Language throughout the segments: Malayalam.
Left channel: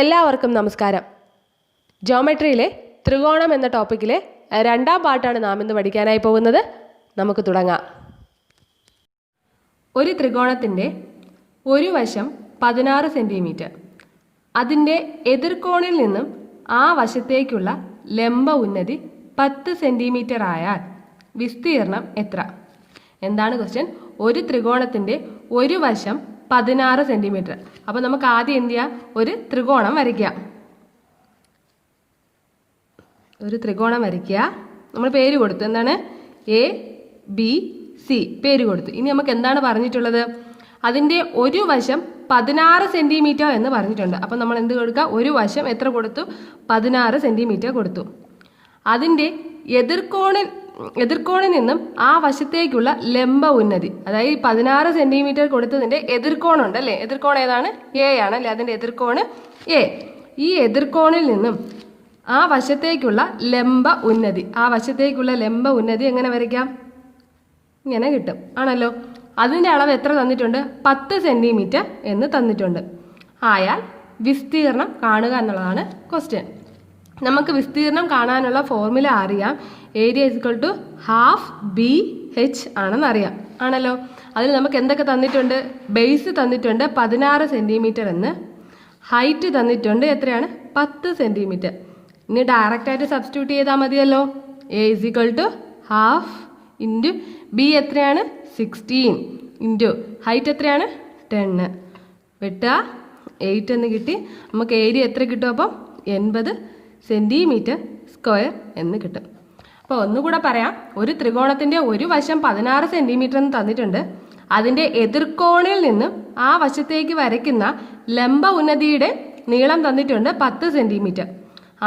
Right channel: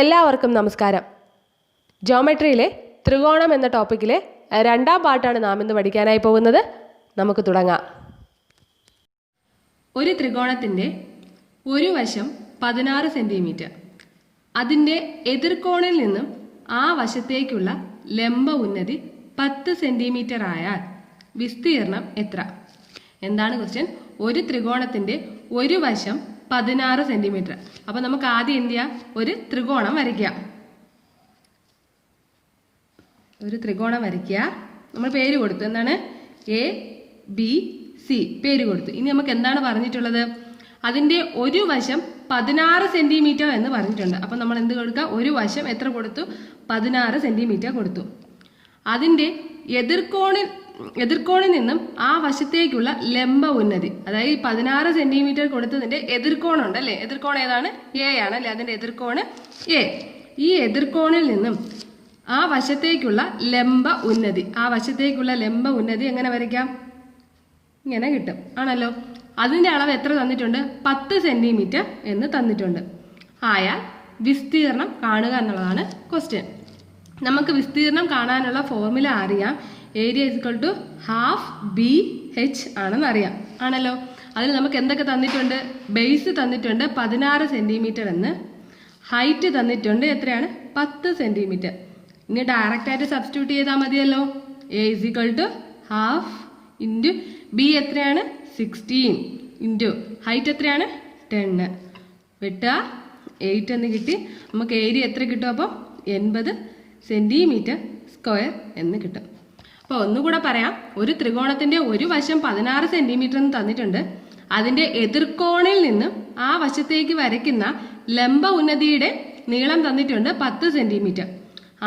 എല്ലാവർക്കും നമസ്കാരം. ജോമെട്രിയിലെ ത്രികോണം എന്ന ടോപ്പിക്കിലെ രണ്ടാം പാർട്ടാണ് നാം ഇന്ന് പഠിക്കാനായി പോകുന്നത്. നമുക്ക് തുടങ്ങാം. ഒരു ത്രികോണത്തിൻ്റെ ഒരു വശം 16 സെൻറ്റിമീറ്റർ, അതിൻ്റെ എതിർകോണിൽ നിന്നും ആ വശത്തേക്കുള്ള ലംബ ഉന്നതി 10 സെൻറ്റിമീറ്റർ ആയാൽ വിസ്തീർണം എത്ര? എന്താണ് ക്വസ്റ്റ്യൻ? ഒരു ത്രികോണത്തിൻ്റെ ഒരു വശം 16 സെൻറ്റിമീറ്റർ. അപ്പോൾ നമുക്ക് ആദ്യം എന്ത് ചെയ്യാം? ഒരു ത്രികോണം വരയ്ക്കുക. നമ്മൾ പേര് കൊടുത്തു. എന്താണ്? എ ബി സി പേര് കൊടുത്തു. ഇനി നമുക്ക് എന്താണ് പറഞ്ഞിട്ടുള്ളത്? അതിൻ്റെ ഒരു വശം 16 സെൻറ്റിമീറ്റർ എന്ന് പറഞ്ഞിട്ടുണ്ട്. അപ്പം നമ്മൾ എന്ത് കൊടുക്കുക? ഒരു വശം എത്ര കൊടുത്തു? 16 സെൻറ്റിമീറ്റർ കൊടുത്തു. അതിൻ്റെ എതിർകോണിൽ നിന്നും ആ വശത്തേക്കുള്ള ലംബ ഉന്നതി, അതായത് 16 സെൻറ്റിമീറ്റർ കൊടുത്തതിൻ്റെ എതിർകോണുണ്ട് അല്ലേ? എതിർകോൺ ഏതാണ്? എ ആണ് അല്ലേ? അതിൻ്റെ എതിർകോണ് എ. ഈ എതിർകോണിൽ നിന്നും ആ വശത്തേക്കുള്ള ലംബ ഉന്നതി എങ്ങനെ വരയ്ക്കാം? ഇങ്ങനെ കിട്ടും ആണല്ലോ. അതിൻ്റെ അളവ് എത്ര തന്നിട്ടുണ്ട്? 10 സെൻറ്റിമീറ്റർ എന്ന് തന്നിട്ടുണ്ട്. ആയാൽ വിസ്തീർണം കാണുക എന്നുള്ളതാണ് ക്വസ്റ്റ്യൻ. നമുക്ക് വിസ്തീർണം കാണാനുള്ള ഫോർമുല അറിയാം. Area equal to half B H ആണെന്ന് അറിയാം ആണല്ലോ. അതിൽ നമുക്ക് എന്തൊക്കെ തന്നിട്ടുണ്ട്? ബേസ് തന്നിട്ടുണ്ട് 16 സെൻറ്റിമീറ്റർ എന്ന്, ഹൈറ്റ് തന്നിട്ടുണ്ട് എത്രയാണ്? 10 സെൻറ്റിമീറ്റർ. ഇനി ഡയറക്റ്റായിട്ട് സബ്സ്റ്റിറ്റ്യൂട്ട് ചെയ്താൽ മതിയല്ലോ. A is equal to half into B എത്രയാണ്? 16 ഇൻറ്റു ഹൈറ്റ് എത്രയാണ്? 10. വെട്ടുക 8 എന്ന് കിട്ടി. നമുക്ക് ഏരിയ എത്ര കിട്ടും? അപ്പം 80 സെൻറ്റിമീറ്റർ സ്ക്വയർ എന്ന് കിട്ടും. അപ്പോൾ ഒന്നുകൂടെ പറയാം. ഒരു ത്രികോണത്തിൻ്റെ ഒരു വശം 16 സെൻറ്റിമീറ്റർ എന്ന് തന്നിട്ടുണ്ട്. അതിൻ്റെ എതിർകോണിൽ നിന്നും ആ വശത്തേക്ക് വരയ്ക്കുന്ന ലംബ ഉന്നതിയുടെ നീളം തന്നിട്ടുണ്ട് 10 സെൻറ്റിമീറ്റർ.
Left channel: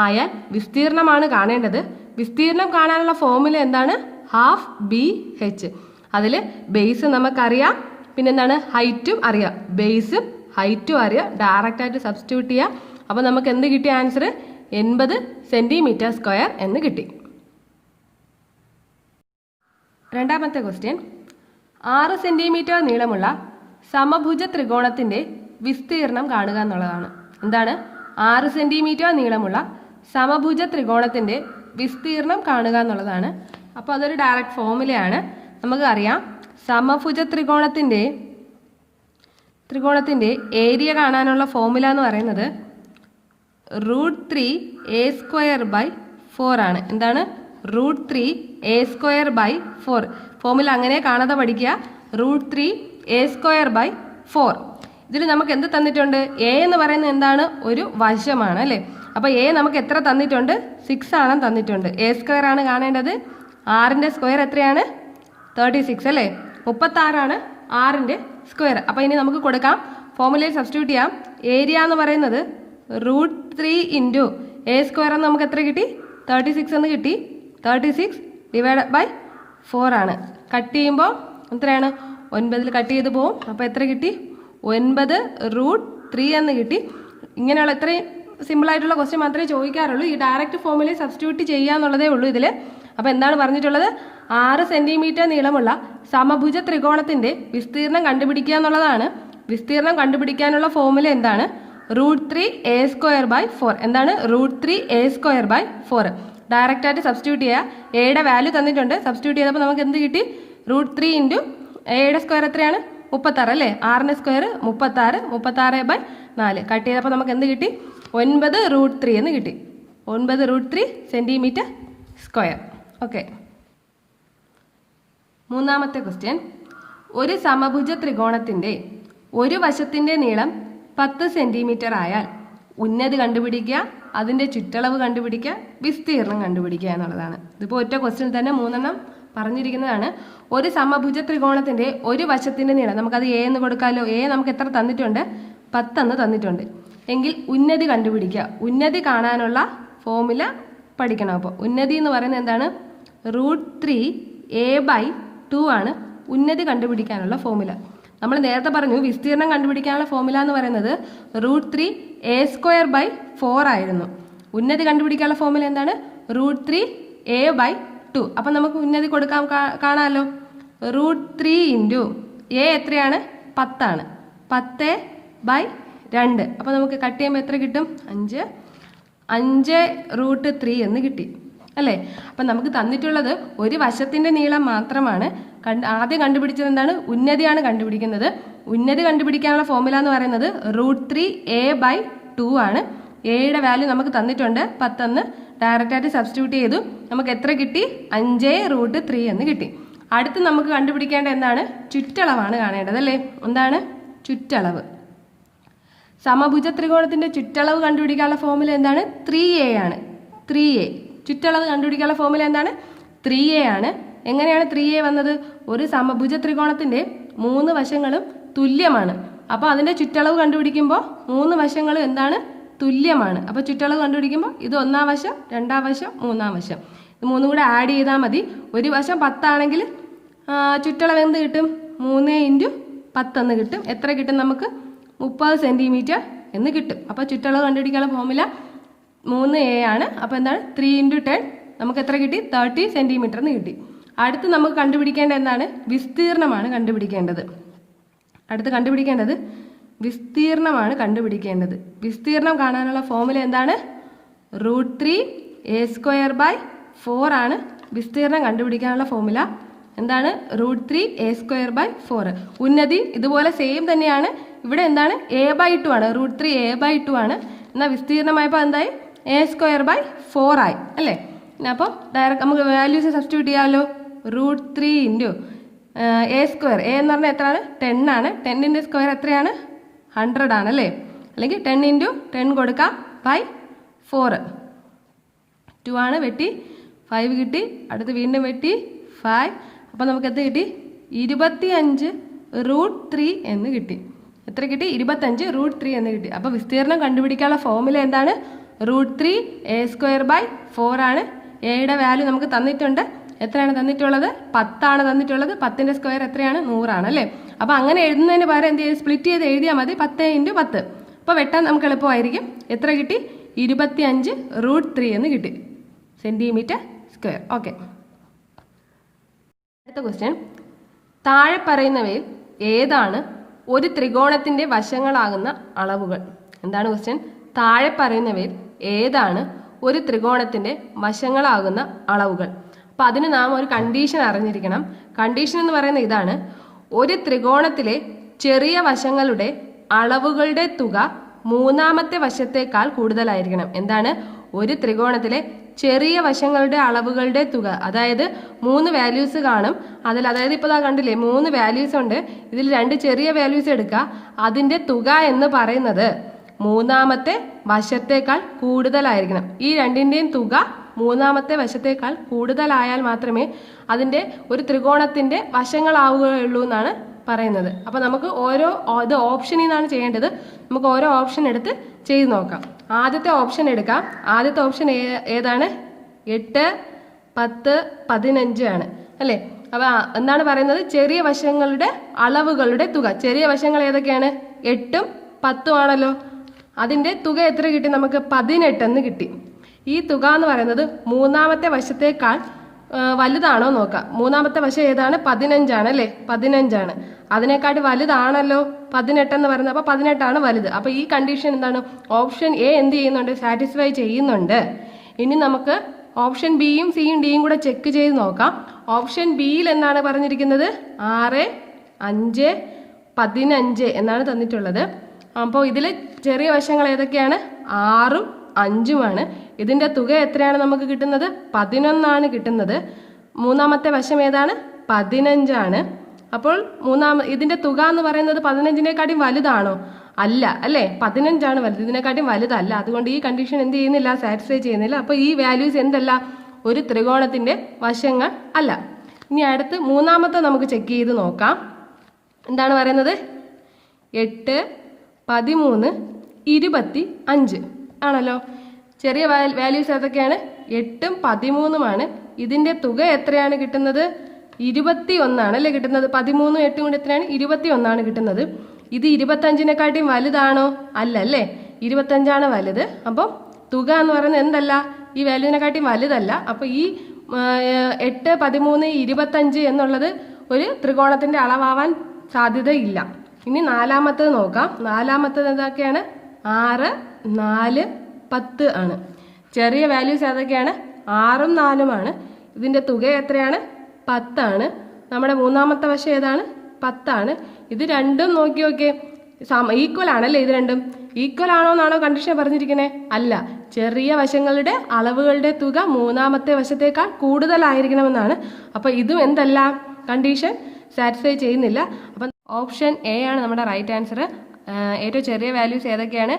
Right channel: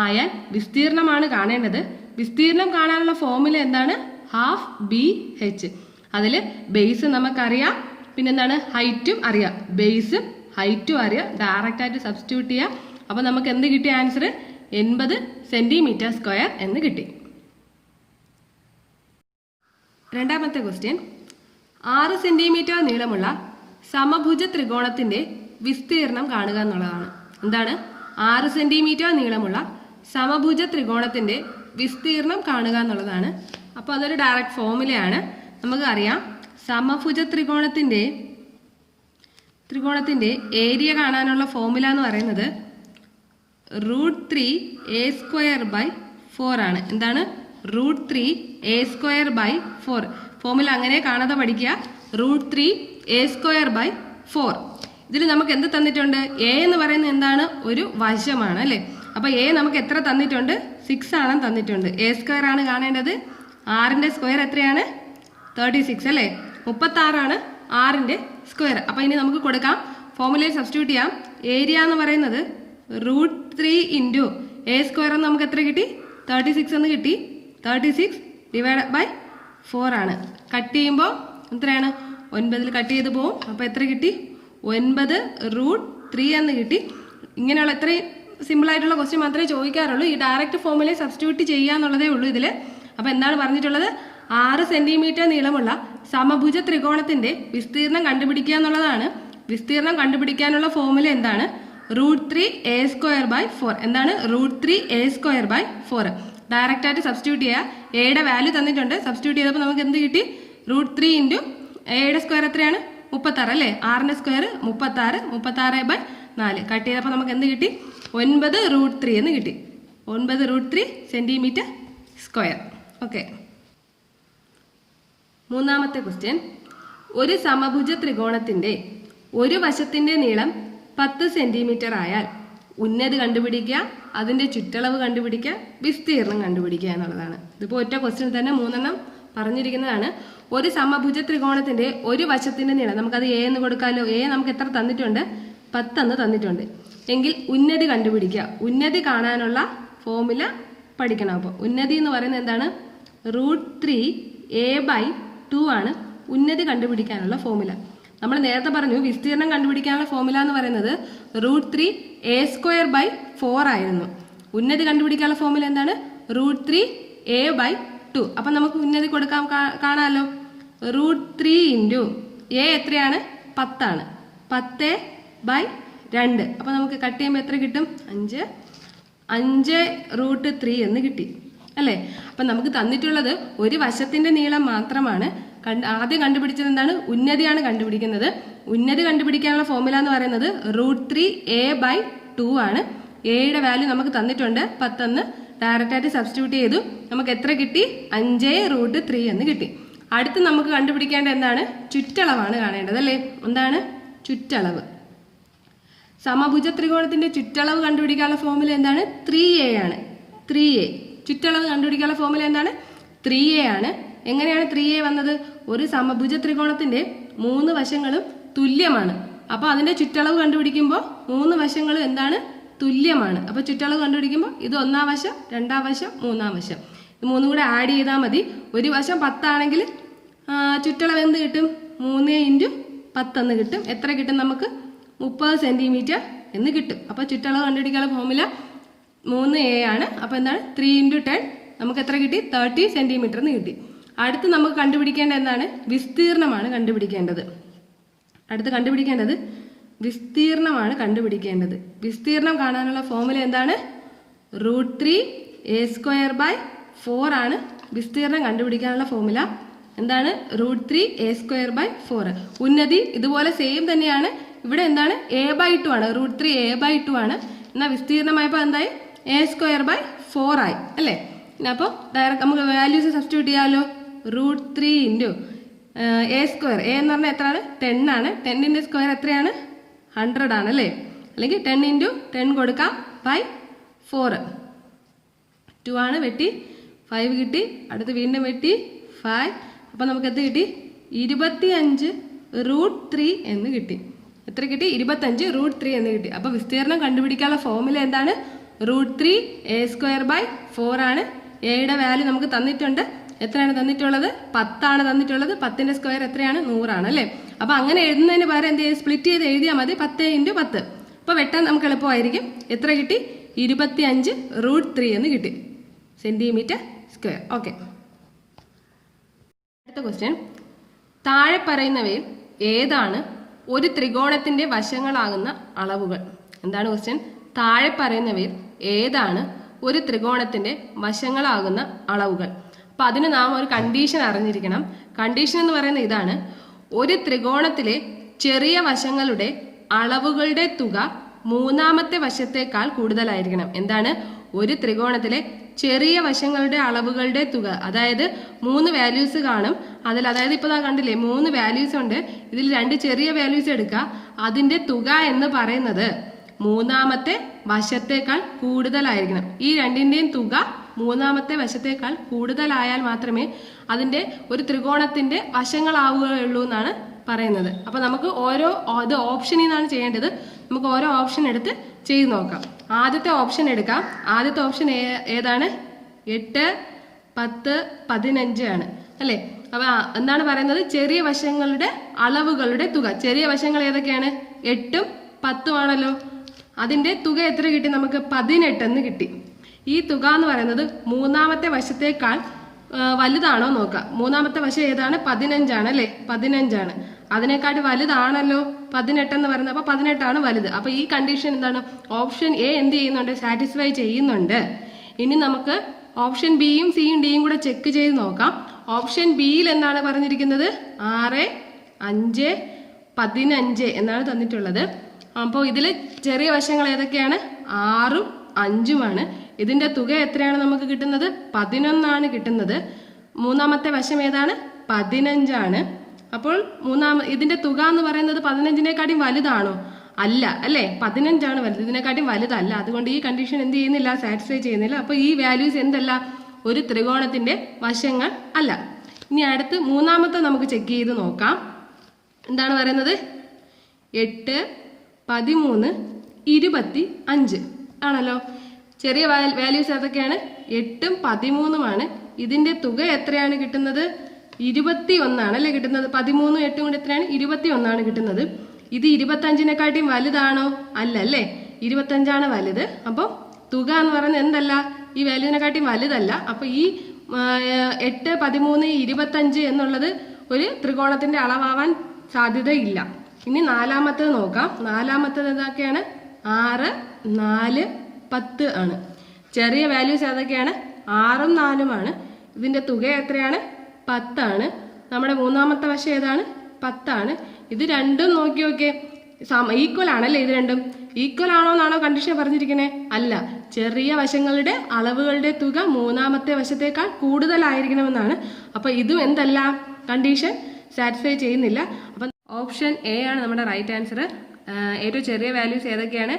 ആയാൽ വിസ്തീർണമാണ് കാണേണ്ടത്. വിസ്തീർണം കാണാനുള്ള ഫോർമുല എന്താണ്? Half B H. അതിൽ ബേസ് നമുക്കറിയാം, പിന്നെന്താണ്? ഹൈറ്റും അറിയാം. ബേസും ഹൈറ്റും അറിയാം. ഡയറക്റ്റായിട്ട് സബ്സ്റ്റിറ്റ്യൂട്ട് ചെയ്യുക. അപ്പോൾ നമുക്ക് എന്ത് കിട്ടിയ ആൻസർ? 80 സെൻറ്റിമീറ്റർ സ്ക്വയർ എന്ന് കിട്ടി. രണ്ടാമത്തെ ക്വസ്റ്റ്യൻ, 6 സെൻറ്റിമീറ്റർ നീളമുള്ള സമഭുജ ത്രികോണത്തിൻ്റെ വിസ്തീർണം കാണുക എന്നുള്ളതാണ്. എന്താണ്? 6 സെൻറ്റിമീറ്റർ നീളമുള്ള സമഭുജ ത്രികോണത്തിൻ്റെ വിസ്തീർണം കാണുക എന്നുള്ളതാണ്. അപ്പോൾ അതൊരു ഡയറക്റ്റ് ഫോർമുലയാണ്. നമുക്ക് അറിയാം, സമഭുജ ത്രികോണത്തിൻ്റെ ഏരിയ കാണാനുള്ള ഫോർമുല എന്ന് പറയുന്നത് √3a²/4 ആണ്. എന്താണ്? √3a²/4. ഫോർമുല അങ്ങനെ കാണാതെ പഠിക്കുക. √3a²/4. ഇതിൽ നമുക്ക് എന്ത് തന്നിട്ടുണ്ട്? എ എന്ന് പറയുന്നത് എന്താണ്? ഒരു വശമാണ് അല്ലേ? അപ്പോൾ എ നമുക്ക് എത്ര തന്നിട്ടുണ്ട്? 6 ആണ് തന്നിട്ടുണ്ട്. a² ആണ് കാണേണ്ടത്. 6ന്റെ സ്ക്വയർ എത്രയാണ്? 36 അല്ലേ? 36 ആണ് 6ന്റെ സ്ക്വയർ. അപ്പോൾ ഇനി നമുക്ക് കൊടുക്കാം. ഫോർമുലയിൽ സബ്സ്റ്റിറ്റ്യൂട്ട് ചെയ്യാം. ഏരിയ എന്ന് പറയുന്നത് √3 ഇൻറ്റു a² എന്ന് നമുക്ക് എത്ര കിട്ടി? 36 എന്ന് കിട്ടി. 36 ഡിവൈഡ് ബൈ 4 ആണ്. കട്ട് ചെയ്യുമ്പോൾ എത്രയാണ്? 9 കട്ട് ചെയ്ത് പോവും. അപ്പോൾ എത്ര കിട്ടി? 9√3 എന്ന് കിട്ടി. ഇങ്ങനെയുള്ള ഇത്രയും സിമ്പിളായിട്ടുള്ള ക്വസ്റ്റ്യൻ മാത്രമേ ചോദിക്കാറുള്ളൂ. ഈ ഡയറക്റ്റ് ഫോർമുലയിൽ സബ്സ്റ്റിറ്റ്യൂട്ട് ചെയ്യുക എന്നുള്ളതേ ഉള്ളൂ ഇതിൽ. അപ്പോൾ എന്താണ് പറഞ്ഞിട്ടുള്ളത്? 6 സെൻറ്റിമീറ്റർ നീളമുള്ള സമഭുജ ത്രികോണത്തിൻ്റെ വിസ്തീർണം കണ്ടുപിടിക്കുക എന്നുള്ളതാണ്. വിസ്തീർണം കണ്ടുപിടിക്കാനുള്ള ഫോർമുല എന്താണ്? √3a²/4. എന്താണ്? √3a²/4. ഡയറക്റ്റായിട്ട് സബ്സ്റ്റിറ്റ്യൂട്ട് ചെയ്യുക. എയുടെ വാല്യൂ തന്നിട്ടുണ്ട്. സബ്സ്റ്റിറ്റ്യൂട്ട് ചെയ്തപ്പോൾ നമുക്ക് എന്ത് കിട്ടി? √3 ഇൻറ്റു എയുടെ സ്ക്വയർ എത്രയാണ്? 36 അല്ലേ? 6ന്റെ സ്ക്വയർ 36. 36/4 കട്ട് ചെയ്തപ്പോൾ നമുക്ക് എന്ത് കിട്ടി? 9√3 എന്ന് കിട്ടി. 9√3 സെൻറ്റിമീറ്റർ സ്ക്വയർ. ഓക്കെ. മൂന്നാമത്തെ ക്വസ്റ്റ്യൻ, ഒരു സമഭുജ ത്രികോണത്തിൻ്റെ ഒരു വശത്തിൻ്റെ നീളം 10 സെൻറ്റിമീറ്റർ ആയാൽ ഉന്നതി കണ്ടുപിടിക്കുക, അതിൻ്റെ ചുറ്റളവ് കണ്ടുപിടിക്കുക, വിസ്തീർണം കണ്ടുപിടിക്കുക എന്നുള്ളതാണ്. ഇതിപ്പോൾ ഒറ്റ ക്വസ്റ്റ്യൻ തന്നെ 3 പറഞ്ഞിരിക്കുന്നതാണ്. ഒരു സമഭുജ ത്രികോണത്തിൻ്റെ ഒരു വശത്തിൻ്റെ നീളം, നമുക്കത് എ എന്ന് കൊടുക്കാമല്ലോ. എ നമുക്ക് എത്ര തന്നിട്ടുണ്ട്? 10 എന്ന് തന്നിട്ടുണ്ട്. എങ്കിൽ ഉന്നതി കണ്ടുപിടിക്കുക. ഉന്നതി കാണാനുള്ള ഫോർമുല പഠിക്കണം. അപ്പോൾ ഉന്നതി എന്ന് പറയുന്നത് എന്താണ്? √3a/2 ആണ് ഉന്നതി കണ്ടുപിടിക്കാനുള്ള ഫോർമുല. നമ്മൾ നേരത്തെ പറഞ്ഞു വിസ്തീർണം കണ്ടുപിടിക്കാനുള്ള ഫോർമുല എന്ന് പറയുന്നത് √3a²/4 ആയിരുന്നു. ഉന്നതി കണ്ടുപിടിക്കാനുള്ള ഫോർമുല എന്താണ്? √3a/2. അപ്പം നമുക്ക് ഉന്നതി കൊടുക്കാൻ കാണാമല്ലോ. √3 ഇൻറ്റു എ എത്രയാണ്? 10 ആണ്. 10/2 2. അപ്പോൾ നമുക്ക് കട്ട് ചെയ്യുമ്പോൾ എത്ര കിട്ടും? 5√3 എന്ന് കിട്ടി അല്ലേ? അപ്പം നമുക്ക് തന്നിട്ടുള്ളത് ഒരു വശത്തിന്റെ നീളം മാത്രമാണ്. ആദ്യം കണ്ടുപിടിച്ചത് എന്താണ്? ഉന്നതിയാണ് കണ്ടുപിടിക്കുന്നത്. ഉന്നതി കണ്ടുപിടിക്കാനുള്ള ഫോർമുല എന്ന് പറയുന്നത് √3a/2 ആണ്. എയുടെ വാല്യൂ നമുക്ക് തന്നിട്ടുണ്ട് 10 ഡയറക്റ്റ് ആയിട്ട് സബ്സ്റ്റിറ്റ്യൂട്ട് ചെയ്തു. നമുക്ക് എത്ര കിട്ടി? 5√3 എന്ന് കിട്ടി. അടുത്ത് നമുക്ക് കണ്ടുപിടിക്കേണ്ട എന്താണ്? ചുറ്റളവാണ് കാണേണ്ടത് അല്ലേ? എന്താണ് ചുറ്റളവ്? സമഭുജ ത്രികോണത്തിന്റെ ചുറ്റളവ് കണ്ടുപിടിക്കാനുള്ള ഫോർമുല എന്താണ്? 3a ആണ്. 3a ചുറ്റളവ് കണ്ടുപിടിക്കാനുള്ള ഫോർമുല എന്താണ്? 3a ആണ്. എങ്ങനെയാണ് 3a വന്നത്? ഒരു സമഭുജ ത്രികോണത്തിന്റെ 3 വശങ്ങളും തുല്യമാണ്. അപ്പോൾ അതിന്റെ ചുറ്റളവ് കണ്ടുപിടിക്കുമ്പോൾ 3 വശങ്ങളും എന്താണ്? തുല്യമാണ്. അപ്പോൾ ചുറ്റളവ് കണ്ടുപിടിക്കുമ്പോൾ ഇത് 1-ാം വശം, 2-ാം വശം, 3-ാം വശം, ഇത് 3 കൂടെ ആഡ് ചെയ്താൽ മതി. ഒരു വശം 10 ആണെങ്കിൽ ചുറ്റളവ് എന്ത് കിട്ടും? 3x10 എന്ന് കിട്ടും. എത്ര കിട്ടും നമുക്ക്? 30 സെന്റിമീറ്റർ എന്ന് കിട്ടും. അപ്പോൾ ചുറ്റളവ് കണ്ടുപിടിക്കാനുള്ള ഫോർമുല 3a ആണ്. അപ്പോൾ എന്താണ്? 3x10 നമുക്ക് എത്ര കിട്ടി? 30 സെന്റിമീറ്റർ എന്ന് കിട്ടി. അടുത്ത് നമുക്ക് കണ്ടുപിടിക്കേണ്ട എന്താണ്? വിസ്തീർണമാണ് കണ്ടുപിടിക്കേണ്ടത്. അടുത്ത് കണ്ടുപിടിക്കേണ്ടത് വിസ്തീർണമാണ് കണ്ടുപിടിക്കേണ്ടത്. വിസ്തീർണം കാണാനുള്ള ഫോർമുല എന്താണ്? √3a²/4 ആണ് വിസ്തീർണം കണ്ടുപിടിക്കാനുള്ള ഫോർമുല. എന്താണ്? √3a²/4. ഉന്നതി ഇതുപോലെ സെയിം തന്നെയാണ്. ഇവിടെ എന്താണ്? a/2 ആണ്. √3a/2 ആണ്. എന്നാൽ വിസ്തീർണമായപ്പോൾ എന്തായി? a²/4 ആയി അല്ലേ? അപ്പോൾ ഡയറക്റ്റ് നമുക്ക് വാല്യൂസ് സബ്സ്റ്റിറ്റ്യൂട്ട് ചെയ്യാമല്ലോ. √3 × a². a എന്ന് പറഞ്ഞാൽ എത്രയാണ്? 10 ആണ്. 10ന്റെ സ്ക്വയർ എത്രയാണ്? 100 ആണ് അല്ലേ? അല്ലെങ്കിൽ 10 × 10 കൊടുക്കാം /4. 2 ആണ്. വെട്ടി 5 കിട്ടി. അടുത്ത് വീണ്ടും വെട്ടി 5. അപ്പം നമുക്ക് എത്ര കിട്ടി? 25√3 എന്ന് കിട്ടി. എത്ര കിട്ടി? 25√3 എന്ന് കിട്ടി. അപ്പോൾ വിസ്തീർണം കണ്ടുപിടിക്കാനുള്ള ഫോർമുല എന്താണ്? √3a²/4 ആണ്. എയുടെ വാല്യൂ നമുക്ക് തന്നിട്ടുണ്ട്. എത്രയാണ് തന്നിട്ടുള്ളത്? 10 ആണ് തന്നിട്ടുള്ളത്. 10ന്റെ സ്ക്വയർ എത്രയാണ്? 100 ആണ് അല്ലേ? അപ്പോൾ അങ്ങനെ എഴുതുന്നതിന് പകരം എന്ത് ചെയ്യും? സ്പ്ലിറ്റ് ചെയ്ത് എഴുതിയാൽ മതി. 10 × 10. അപ്പോൾ വെട്ടാൻ നമുക്ക് എളുപ്പമായിരിക്കും. എത്ര കിട്ടി? 25√3 എന്ന് കിട്ടി സെന്റിമീറ്റർ സ്ക്വയർ. ഓക്കെ. അടുത്ത ക്വസ്റ്റ്യൻ. താഴെ പറയുന്നവയിൽ ഏതാണ് ഒരു ത്രികോണത്തിന്റെ വശങ്ങളാകുന്ന അളവുകൾ? എന്താണ് ക്വസ്റ്റ്യൻ? താഴെ പറയുന്നവയിൽ ഏതാണ് ഒരു ത്രികോണത്തിന്റെ വശങ്ങളാകുന്ന അളവുകൾ? അപ്പൊ അതിന് നാം ഒരു കണ്ടീഷൻ അറിഞ്ഞിരിക്കണം. കണ്ടീഷൻ എന്ന് പറയുന്നത് ഇതാണ്: ഒരു ത്രികോണത്തിലെ ചെറിയ വശങ്ങളുടെ അളവുകളുടെ തുക മൂന്നാമത്തെ വശത്തേക്കാൾ കൂടുതലായിരിക്കണം. എന്താണ്? ഒരു ത്രികോണത്തിലെ ചെറിയ വശങ്ങളുടെ അളവുകളുടെ തുക, അതായത് 3 വാല്യൂസ് കാണും അതിൽ. അതായത് ഇപ്പോൾ കണ്ടില്ലേ 3 വാല്യൂസ് ഉണ്ട്. ഇതിൽ 2 ചെറിയ വാല്യൂസ് എടുക്കുക. അതിന്റെ തുക എന്ന് പറയുന്നത് മൂന്നാമത്തെ വശത്തേക്കാൾ കൂടുതലായിരിക്കണം. ഈ രണ്ടിന്റെയും തുക മൂന്നാമത്തെ വശത്തേക്കാൾ കൂടുതലായാൽ മാത്രമേ അതിന്റെ ഒരു ത്രികോണത്തിന്റെ വശങ്ങളാവുകയുള്ളൂ എന്നാണ് പറയുന്നത്. അപ്പൊ നമുക്ക് ഇത് ഓപ്ഷനിൽ നിന്നാണ് ചെയ്യേണ്ടത്. നമുക്ക് ഓരോ ഓപ്ഷൻ എടുത്ത് ചെയ്ത് നോക്കാം. ആദ്യത്തെ ഓപ്ഷൻ എടുക്കാം. ആദ്യത്തെ ഓപ്ഷൻ ഏതാണ്? 8, 10, 15 ആണ് അല്ലേ? അപ്പൊ എന്താണ് പറയുന്നത്? ചെറിയ വശങ്ങളുടെ അളവുകളുടെ തുക. ചെറിയ വശങ്ങൾ ഏതൊക്കെയാണ്? 8ഉം 10ഉം ആണല്ലോ. അതിന്റെ തുക എത്ര കിട്ടി നമുക്ക്? 18 എന്ന് കിട്ടി. ഈ തുക എന്ന് പറയുന്നത് മൂന്നാമത്തെ വശത്തേക്കാൾ വലുതാണോ നോക്കാം. മൂന്നാമത്തെ വശം ഏതാണ്? 15 ആണ് അല്ലേ? 15 ആണ്. അതിനെക്കാട്ടി വലുതാണല്ലോ 18 എന്ന് പറയുന്നത്. അപ്പൊ 18 ആണ് വലുത്. അപ്പൊ ഈ കണ്ടീഷൻ എന്താണ്? ഓപ്ഷൻ എ എന്ത് ചെയ്യുന്നുണ്ട്? സാറ്റിസ്ഫൈ ചെയ്യുന്നുണ്ട്. ഇനി നമുക്ക് ഓപ്ഷൻ ബിയും സിയും ഡിയും കൂടെ ചെക്ക് ചെയ്ത് നോക്കാം. ഓപ്ഷൻ ബിയിൽ എന്താണ് പറഞ്ഞിരിക്കുന്നത്? 6, 5, 15 എന്നാണ് തന്നിട്ടുള്ളത്. അപ്പോൾ ഇതിൽ ചെറിയ വശങ്ങൾ ഏതൊക്കെയാണ്? 6ഉം 5ഉമാണ്. ഇതിന്റെ തുക എത്രയാണ് നമുക്ക് കിട്ടുന്നത്? 11 കിട്ടുന്നത്. മൂന്നാമത്തെ വശം ഏതാണ്? 15 ആണ്. അപ്പോൾ ഇതിന്റെ തുക എന്ന് പറയുന്നത് 15നേക്കാട്ടും വലുതാണോ? അല്ല അല്ലേ? 15 ആണ് വലുത്, ഇതിനെക്കാട്ടും വലുതല്ല. അതുകൊണ്ട് ഈ കണ്ടീഷൻ എന്ത് ചെയ്യുന്നില്ല? സാറ്റിസ്ഫൈ ചെയ്യുന്നില്ല. അപ്പോൾ ഈ വാല്യൂസ് എന്തല്ല? ഒരു ത്രികോണത്തിന്റെ വശങ്ങൾ അല്ല. ഇനി അടുത്ത് മൂന്നാമത്തെ നമുക്ക് ചെക്ക് ചെയ്ത് നോക്കാം. എന്താണ് പറയുന്നത്? 8, 13, 25 ആണല്ലോ. ചെറിയ വാല്യൂസ് ഏതൊക്കെയാണ്? 8ഉം 13ഉമാണ്. ഇതിന്റെ തുക എത്രയാണ് കിട്ടുന്നത്? 21 ആണ് അല്ലേ കിട്ടുന്നത്. 13ഉം 8ഉം കൂടി എത്രയാണ്? 21 ആണ് കിട്ടുന്നത്. ഇത് 25നേക്കാട്ടിയും വലുതാണോ? അല്ല അല്ലേ? 25 ആണ് വലുത്. അപ്പോൾ തുക എന്ന് പറയുന്നത് എന്തല്ല? ഈ വാല്യൂവിനെക്കാട്ടിയും വലുതല്ല. അപ്പൊ ഈ 8, 13, 25 എന്നുള്ളത് ഒരു ത്രികോണത്തിന്റെ അളവാവാൻ സാധ്യതയില്ല. ഇനി നാലാമത്തത് നോക്കാം. നാലാമത്തത് ഏതൊക്കെയാണ്? 6, 4, 10 ആണ്. ചെറിയ വാല്യൂസ് ഏതൊക്കെയാണ്? 6ഉം 4ഉം ആണ്. ഇതിന്റെ തുക എത്രയാണ്? 10 ആണ്. നമ്മുടെ മൂന്നാമത്തെ വശം ഏതാണ്? 10 ആണ്. ഇത് രണ്ടും നോക്കി നോക്കിയേ, ഈക്വൽ ആണല്ലേ? ഇത് രണ്ടും ഈക്വൽ ആണോ എന്നാണോ കണ്ടീഷൻ പറഞ്ഞിരിക്കുന്നത്? അല്ല, ചെറിയ വശങ്ങളുടെ അളവുകളുടെ തുക മൂന്നാമത്തെ വശത്തേക്കാൾ കൂടുതലായിരിക്കണമെന്നാണ്. അപ്പൊ ഇതും എന്തല്ല, കണ്ടീഷൻ സാറ്റിസ്ഫൈ ചെയ്യുന്നില്ല. അപ്പം ഓപ്ഷൻ എ ആണ് നമ്മുടെ റൈറ്റ് ആൻസർ. ഏറ്റവും ചെറിയ വാല്യൂസ് ഏതൊക്കെയാണ്?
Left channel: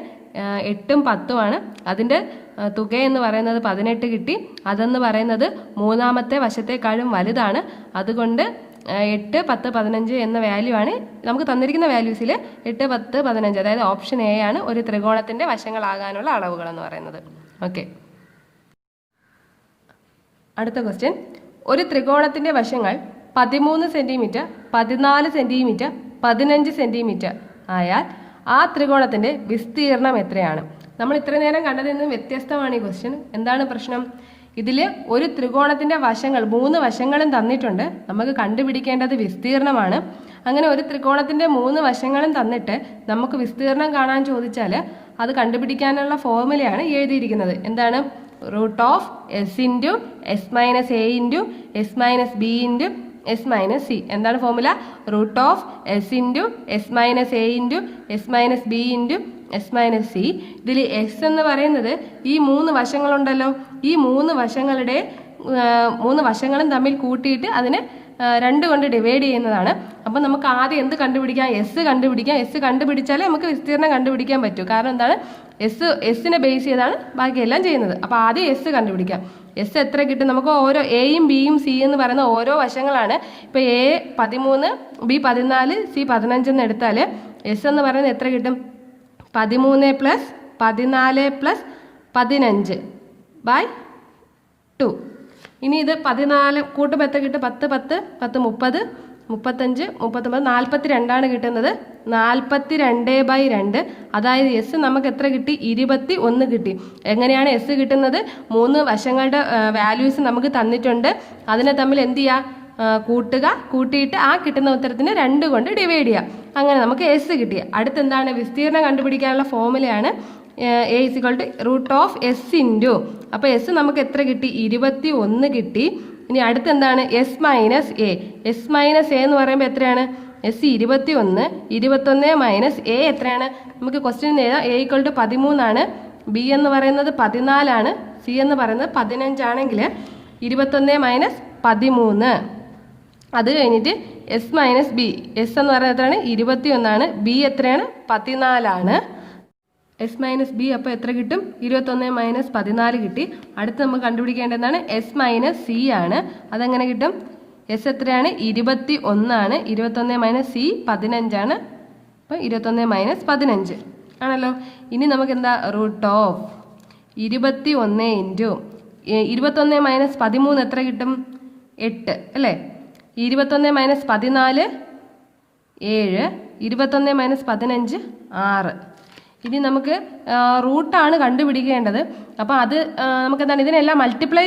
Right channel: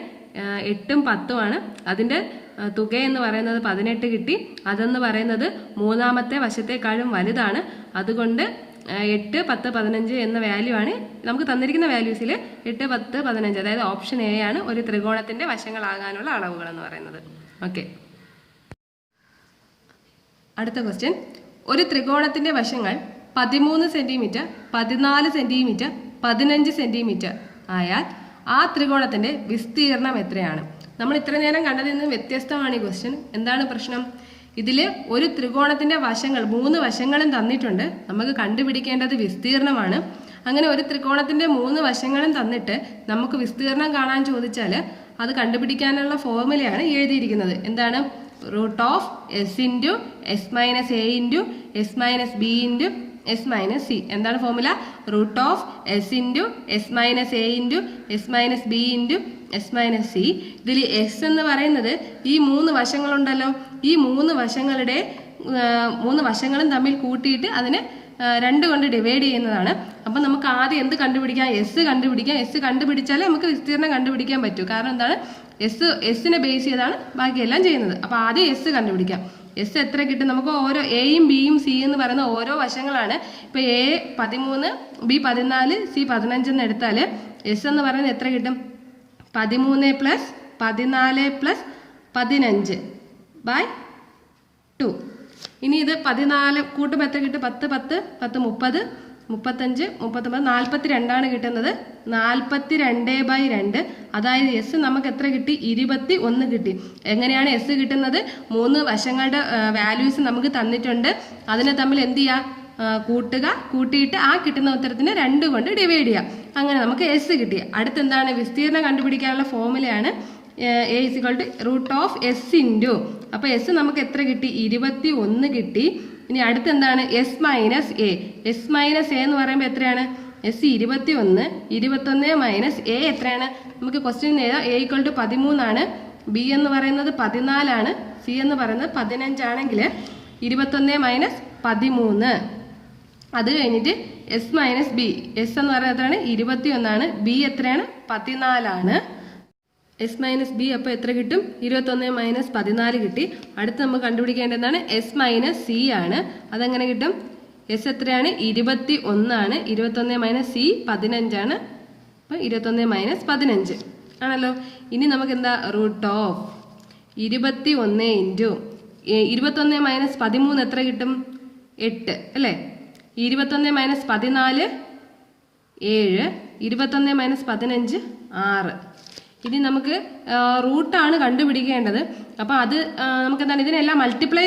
8ഉം 10ഉം ആണ്. അതിന്റെ തുക എന്ന് പറയുന്നത് 18 കിട്ടി. അതെന്ന് പറയുന്നത് മൂന്നാമത്തെ വശത്തേക്കാളും വലുതാണ്. അതുകൊണ്ട് 8, 10, 15 എന്ന വാല്യൂ ആണ് നമുക്ക് തന്നിരിക്കുന്ന വാല്യൂസിൽ. 8, 10, 15, അതായത് ഓപ്ഷൻ എ ആണ് ഒരു ത്രികോണത്തിന്റെ വശങ്ങളാകാനുള്ള അളവുകൾ എന്ന് പറയുന്നത്. ഓക്കെ, അടുത്ത ക്വസ്റ്റ്യൻ. ഒരു ത്രികോണത്തിന്റെ വശങ്ങൾ 13 സെന്റിമീറ്റർ, 14 സെന്റിമീറ്റർ, 15 സെന്റിമീറ്റർ ആയാൽ ആ ത്രികോണത്തിന്റെ വിസ്തീർണം എത്രയാണ്? നമ്മൾ ഇത്ര നേരം കണ്ടതിൽ നിന്നും വ്യത്യസ്തമാണ് ഈ ക്വസ്റ്റ്യൻ. എന്താണ് പ്രശ്നം? ഇതിൽ ഒരു ത്രികോണത്തിന്റെ വശങ്ങൾ 3 വശങ്ങളും തന്നിട്ടുണ്ട്. നമുക്ക് കണ്ടുപിടിക്കേണ്ടത് വിസ്തീർണമാണ്. അങ്ങനെ ഒരു ത്രികോണത്തിന്റെ 3 വശങ്ങളും തന്നിട്ട് നമുക്ക് വിസ്തീർണം കാണാൻ ചോദിച്ചാൽ അത് കണ്ടുപിടിക്കാനുള്ള ഫോർമുലയാണ് എഴുതിയിരിക്കുന്നത്. എന്താണ്? √S into S minus A into S minus B into S minus C. എന്താണ് formula? √S into S minus A into S minus B into S minus C. ഇതിൽ S എന്ന് പറയുന്നത് ഈ 3 വശങ്ങളുണ്ടല്ലോ, ഈ 3 വശങ്ങളും തമ്മിൽ കൂട്ടിയിട്ട് അതിനെ 2 കൊണ്ട് ഡിവൈഡ് ചെയ്യുന്നതാണ്. അപ്പം നമുക്ക് ആദ്യം എന്ത് കണ്ടുപിടിക്കാം? എസ് കണ്ടുപിടിക്കാം. എസ് കണ്ടുപിടിച്ചാലേ നമുക്ക് വിസ്തീർണം കണ്ടുപിടിക്കാൻ പറ്റൂ. കാരണം എന്താണ്? എസിനെ ബേസ് ചെയ്താണ് ബാക്കിയെല്ലാം ചെയ്യുന്നത്. അപ്പം ആദ്യം എസ് കണ്ടുപിടിക്കാം. എസ് എത്ര കിട്ടും? നമുക്ക് ഓരോ എയും ബിയും സി എന്ന് പറയുന്ന ഓരോ വശങ്ങളാണ്. ഇപ്പൊ എ 13, ബി 14, സി 15 എന്ന് എടുത്താൽ എസ് എന്ന് പറയുന്നത് എത്ര കിട്ടും? 13 പ്ലസ് 14 പ്ലസ് 15 ബൈ 2. ഇനി ഇത് 14 കൂട്ടുമ്പോൾ എത്ര കിട്ടും? 10, 10, 10, 30, 35, 39, 42 ആണ് കിട്ടുന്നത്. 42/2. അതായത് എസ് നമുക്ക് എത്ര കിട്ടി? 21 കിട്ടി. എങ്ങനെയാണ് എസ് കിട്ടുന്നത്? 3 വശങ്ങളുടെ വാല്യൂസ് നമുക്ക് തന്നിട്ടുണ്ട്. അതിനെ തമ്മിൽ എന്ത് ചെയ്യുക? കൂട്ടുക. കൂട്ടിയിട്ട് ആ കിട്ടുന്ന ഉത്തരത്തിന് 2 കൊണ്ട് ഡിവൈഡ് ചെയ്യുക. അങ്ങനെ നമുക്ക് എസ് കിട്ടി. അടുത്ത് എന്താണ്? വിസ്തീർണം കണ്ടുപിടിക്കാനുള്ള ഫോർമുലയാണ് A = √S ഇൻറ്റു. അപ്പൊ എസ് നമുക്ക് എത്ര കിട്ടി? 21 കിട്ടി. ഇനി അടുത്ത് എന്താണ്? S minus A. S minus A എന്ന് പറയുമ്പോൾ എത്രയാണ്? S 21. 21 മൈനസ് A എത്രയാണ്? നമുക്ക് ക്വസ്റ്റ്യൻ എഴുതാം. A = 13 ആണ്. B എന്ന് പറയുന്നത് 14 ആണ്. C എന്ന് പറയുന്നത് 15 ആണെങ്കിൽ 21 മൈനസ് 13. അത് കഴിഞ്ഞിട്ട് S മൈനസ് B. S എന്ന് പറയുന്നത് എത്രയാണ്? 21 ആണ്. B എത്രയാണ്? 14 ആണ്. S മൈനസ് B അപ്പോൾ എത്ര കിട്ടും? 21 മൈനസ് 14 കിട്ടി. അടുത്ത് നമുക്ക് കണ്ടുപിടിക്കേണ്ടതാണ് S മൈനസ് C ആണ്. അതെങ്ങനെ കിട്ടും? S എത്രയാണ്? 21 ആണ്. 21 മൈനസ് C 15 ആണ്. അപ്പോൾ 21 മൈനസ് 15 ആണല്ലോ. ഇനി നമുക്ക് എന്താ? √21 ഇൻറ്റു 21 മൈനസ് 13 എത്ര കിട്ടും? 8 അല്ലേ? 21 മൈനസ് 14 7. 21 മൈനസ് 15 6. ഇനി നമുക്ക് റൂട്ടാണ് കണ്ടുപിടിക്കേണ്ടത്. അപ്പോൾ അത് നമുക്ക് എന്താണ്? ഇതിനെല്ലാം മൾട്ടിപ്ലൈ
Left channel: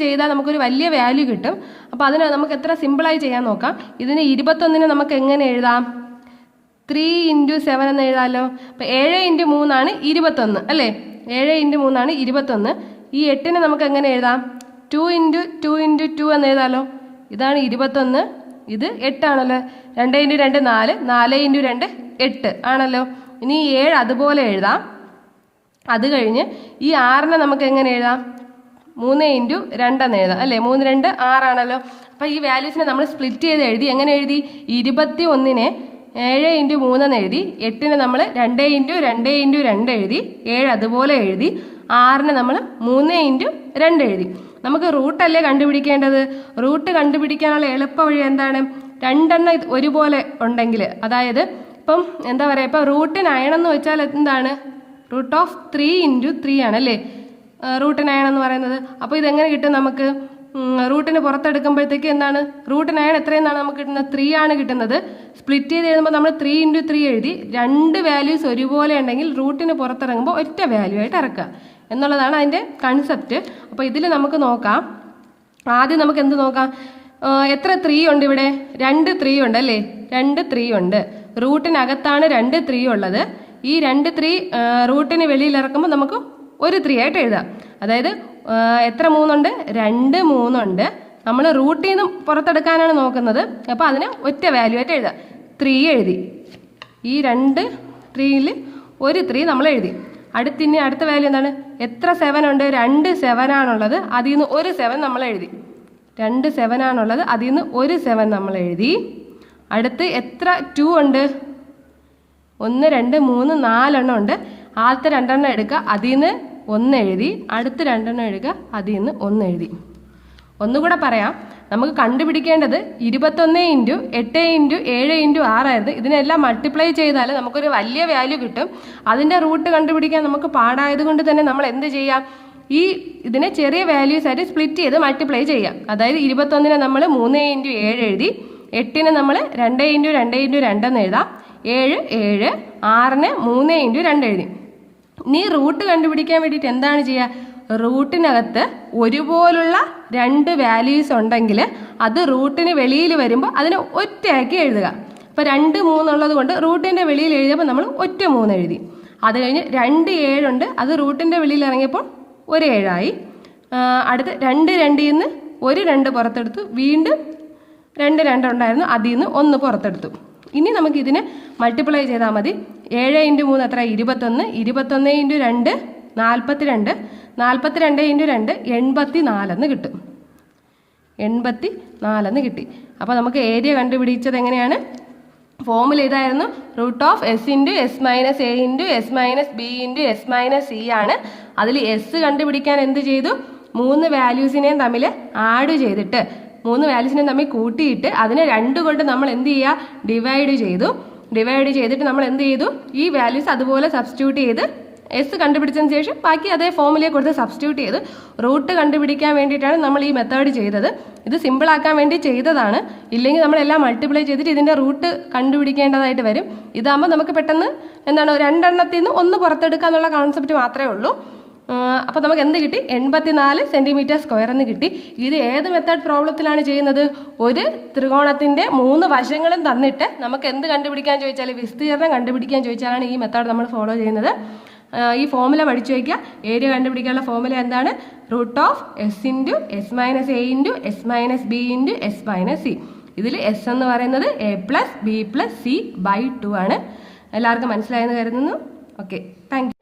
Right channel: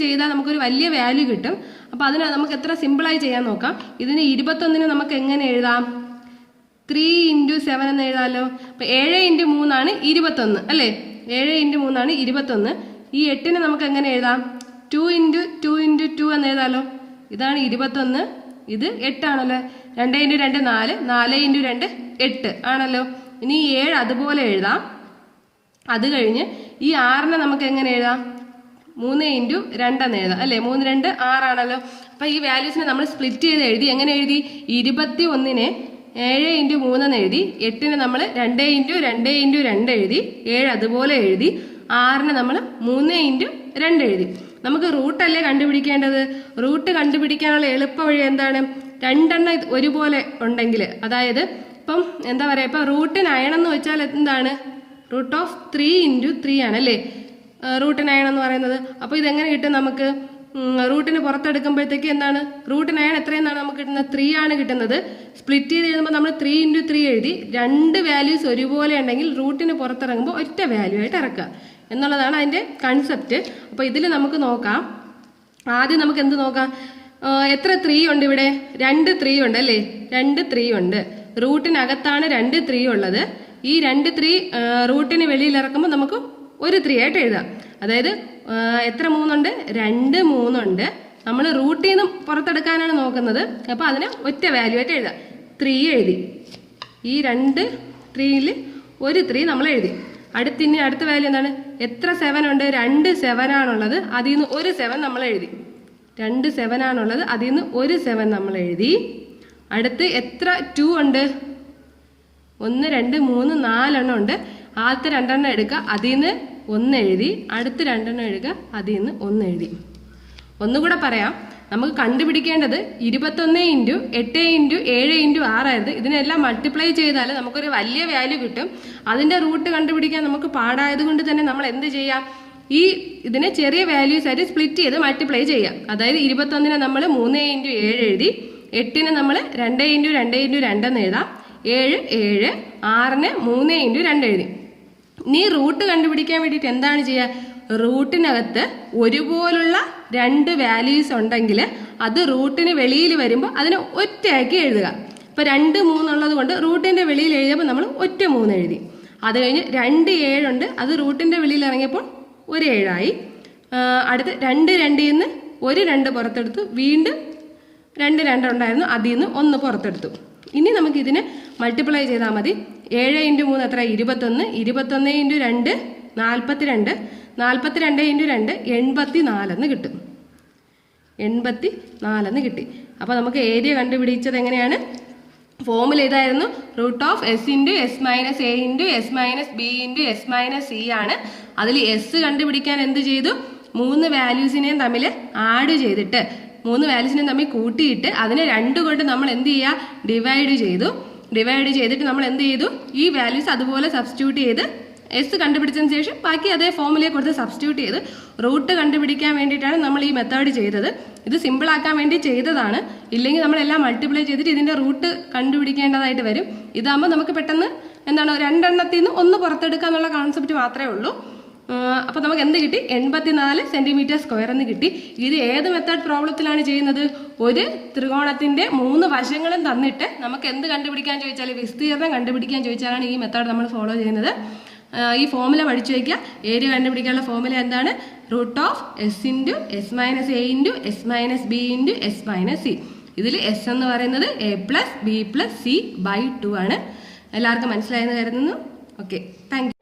ചെയ്താൽ നമുക്കൊരു വലിയ വാല്യൂ കിട്ടും. അപ്പോൾ അതിന് നമുക്ക് എത്ര സിമ്പിളായി ചെയ്യാൻ നോക്കാം. ഇതിന് 21 നമുക്ക് എങ്ങനെ എഴുതാം? 3 × 7 എന്ന് എഴുതാമല്ലോ. അപ്പം 7 × 3 ആണ് 21 അല്ലേ? 7 × 3 ആണ് 21. ഈ 8നെ നമുക്ക് എങ്ങനെ എഴുതാം? 2 × 2 × 2 എന്ന് എഴുതാമല്ലോ. ഇതാണ് 21. ഇത് 8 ആണല്ലോ. 2 × 2 4, 4 × 2 8 ആണല്ലോ. ഇനി 7 അതുപോലെ എഴുതാം. അത് കഴിഞ്ഞ് ഈ 6നെ നമുക്ക് എങ്ങനെ എഴുതാം? 3 × 2 എന്ന് എഴുതാം അല്ലേ? 3 2 6 ആണല്ലോ. അപ്പൊ ഈ വാല്യൂസിനെ നമ്മൾ സ്പ്ലിറ്റ് ചെയ്ത് എഴുതി. എങ്ങനെ എഴുതി? 21നെ 7 × 3 എന്ന് എഴുതി. 8നെ നമ്മൾ 2 × 2 × 2 എഴുതി. 7 അതുപോലെ എഴുതി. 6നെ നമ്മൾ 3 × 2 എഴുതി. നമുക്ക് റൂട്ടല്ലേ കണ്ടുപിടിക്കേണ്ടത്? റൂട്ട് കണ്ടുപിടിക്കാനുള്ള എളുപ്പ വഴി എന്താണ്? 2 എണ്ണം ഒരുപോലെ ഉണ്ടെങ്കിൽ, അതായത് ഇപ്പം എന്താ പറയുക, ഇപ്പം √9 എന്ന് വെച്ചാൽ എന്താണ്? √3 × 3 ആണ് അല്ലേ √9 എന്ന് പറയുന്നത്. അപ്പോൾ ഇതെങ്ങനെ കിട്ടും നമുക്ക്? റൂട്ടിന് പുറത്തെടുക്കുമ്പോഴത്തേക്ക് എന്താണ്? √9 എത്രയെന്നാണ് നമുക്ക് കിട്ടുന്നത്? 3 ആണ് കിട്ടുന്നത്. സ്പ്ലിറ്റ് ചെയ്ത് എഴുതുമ്പോൾ നമ്മൾ 3 × 3 എഴുതി. 2 വാല്യൂസ് ഒരുപോലെ ഉണ്ടെങ്കിൽ റൂട്ടിന് പുറത്തിറങ്ങുമ്പോൾ ഒറ്റ വാല്യൂ ആയിട്ട് ഇറക്കുക എന്നുള്ളതാണ് അതിൻ്റെ കൺസെപ്റ്റ്. അപ്പോൾ ഇതിൽ നമുക്ക് നോക്കാം. ആദ്യം നമുക്ക് എന്ത് നോക്കാം? എത്ര 3 ഉണ്ട് ഇവിടെ? 2 3 ഉണ്ട് അല്ലേ? 2 3 ഉണ്ട്. റൂട്ടിനകത്താണ് 2 3 ഉള്ളത്. ഈ 2 3 റൂട്ടിന് വെളിയിൽ ഇറക്കുമ്പോൾ നമുക്ക് ഒരു 3 ആയിട്ട് എഴുതാം. അതായത് എത്ര 3 ഉണ്ട്? 2 3 ഉണ്ട്. നമ്മൾ റൂട്ടിൽ നിന്ന് പുറത്തെടുക്കാനാണ് നോക്കുന്നത്. അപ്പോൾ അതിന് ഒറ്റ വാല്യൂ ആയിട്ട് എഴുതാം. 3 എഴുതി. ഈ 2 3ൽ ഒരു 3 നമ്മൾ എഴുതി. അടുത്ത വാല്യൂ എന്താണ്? എത്ര 7 ഉണ്ട്? 2 7 ആണുള്ളത്. അതിൽ നിന്ന് ഒരു 7 നമ്മൾ എഴുതി. 2 7 ആണുള്ളത്. അതിൽ നിന്ന് ഒരു 7 നമ്മൾ എഴുതി. അടുത്ത് എത്ര 2 ഉണ്ട്? 1 2 3 4 ഉണ്ട്. ആദ്യത്തെ 2 എടുക്കുക, അതിൽ നിന്ന് 1 എഴുതി. അടുത്ത 2 എടുക്കുക, അതിൽ നിന്ന് 1 എഴുതി. ഒന്നുകൂടെ പറയാം, നമുക്ക് കണ്ടുപിടിക്കേണ്ടത് 21 × 8 × 7 × 6 ആയിരുന്നു. ഇതിനെല്ലാം മൾട്ടിപ്ലൈ ചെയ്താൽ നമുക്കൊരു വലിയ വാല്യൂ കിട്ടും. അതിന്റെ റൂട്ട് കണ്ടുപിടിക്കാൻ നമുക്ക് പാടായതുകൊണ്ട് തന്നെ നമ്മൾ എന്ത് ചെയ്യാം? ഇതിനെ ചെറിയ വാല്യൂസ് ആയിട്ട് സ്പ്ലിറ്റ് ചെയ്ത് മൾട്ടിപ്ലൈ ചെയ്യാം. അതായത് 21നെ നമ്മൾ 3 × 7 എഴുതി, 8നെ നമ്മൾ 2 × 2 × 2 എന്ന് എഴുതാം, 7 7, 6നെ 3 × 2 എഴുതി. ഇനി റൂട്ട് കണ്ടുപിടിക്കാൻ വേണ്ടിയിട്ട് എന്താണ് ചെയ്യുക? റൂട്ടിനകത്ത് ഒരുപോലുള്ള 2 വാല്യൂസ് ഉണ്ടെങ്കിൽ അത് റൂട്ടിന് വെളിയിൽ വരുമ്പോൾ അതിനെ ഒറ്റയാക്കി എഴുതുക. ഇപ്പോൾ 2 3 ഉള്ളത് കൊണ്ട് റൂട്ടിന്റെ വെളിയിൽ എഴുതിയപ്പോൾ നമ്മൾ ഒറ്റ 3 എഴുതി. അത് കഴിഞ്ഞ് 2 7 ഉണ്ട്, അത് റൂട്ടിന്റെ വെളിയിൽ ഇറങ്ങിയപ്പോൾ ഒരു 7 ആയി. അടുത്ത് 2 2ൽ നിന്ന് ഒരു 2 പുറത്തെടുത്തു. വീണ്ടും 2 2 ഉണ്ടായിരുന്നു, അതിൽ നിന്ന് 1 പുറത്തെടുത്തു. ഇനി നമുക്ക് ഇതിനെ മൾട്ടിപ്ലൈ ചെയ്താൽ മതി. 7 × 3 എത്ര? 21. 21 × 2 42. 42 × 2 84 എന്ന് കിട്ടും. 84 എന്ന് കിട്ടി. അപ്പോൾ നമുക്ക് ഏരിയ കണ്ടുപിടിച്ചത് എങ്ങനെയാണ്? ഫോമുല ഇതായിരുന്നു. √S × S - A × S - B × S - C ആണ്. അതിൽ S കണ്ടുപിടിക്കാൻ എന്ത് ചെയ്തു? 3 വാല്യൂസിനെയും തമ്മിൽ ആഡ് ചെയ്തിട്ട് 3 വാല്യൂസിനെയും തമ്മിൽ കൂട്ടിയിട്ട് അതിനെ 2 കൊണ്ട് നമ്മൾ എന്ത് ചെയ്യുക? ഡിവൈഡ് ചെയ്തു. ഡിവൈഡ് ചെയ്തിട്ട് നമ്മൾ എന്ത് ചെയ്തു? ഈ വാല്യൂസ് അതുപോലെ സബ്സ്റ്റിറ്റ്യൂട്ട് ചെയ്ത് S കണ്ടുപിടിച്ചതിന് ശേഷം ബാക്കി അതേ ഫോമുലയെ കൊടുത്ത് സബ്സ്റ്റിറ്റ്യൂട്ട് ചെയ്ത് റൂട്ട് കണ്ടുപിടിക്കാൻ വേണ്ടിയിട്ടാണ് നമ്മൾ ഈ മെത്തേഡ് ചെയ്തത്. ഇത് സിമ്പിൾ ആക്കാൻ വേണ്ടി ചെയ്തതാണ്. ഇല്ലെങ്കിൽ നമ്മളെല്ലാം മൾട്ടിപ്ലൈ ചെയ്തിട്ട് ഇതിന്റെ റൂട്ട് കണ്ടുപിടിക്കേണ്ടതായിട്ട് വരും. ഇതാകുമ്പോൾ നമുക്ക് പെട്ടെന്ന് എന്താണ് 2 എണ്ണത്തിൽ നിന്ന് 1 പുറത്തെടുക്കുക എന്നുള്ള കോൺസെപ്റ്റ് മാത്രമേ ഉള്ളൂ. അപ്പോൾ നമുക്ക് എന്ത് കിട്ടി? 84 cm² എന്ന് കിട്ടി. ഇത് ഏത് മെത്തേഡ് പ്രോബ്ലത്തിലാണ് ചെയ്യുന്നത്? ഒരു ത്രികോണത്തിന്റെ 3 വശങ്ങളും തന്നിട്ട് നമുക്ക് എന്ത് കണ്ടുപിടിക്കാൻ ചോദിച്ചാൽ, വിസ്തീർണം കണ്ടുപിടിക്കാൻ ചോദിച്ചാലാണ് ഈ മെത്തേഡ് നമ്മൾ ഫോളോ ചെയ്യുന്നത്. ഈ ഫോമുല പഠിച്ചു വയ്ക്കുക. ഏരിയ കണ്ടുപിടിക്കാനുള്ള ഫോമുല എന്താണ്? √S × S - A × S - B × S - C. ഇതിൽ S എന്ന് പറയുന്നത് A + B + C/2 ആണ്. എല്ലാവർക്കും മനസ്സിലായെന്ന് കരുതുന്നു. Okay, thank you.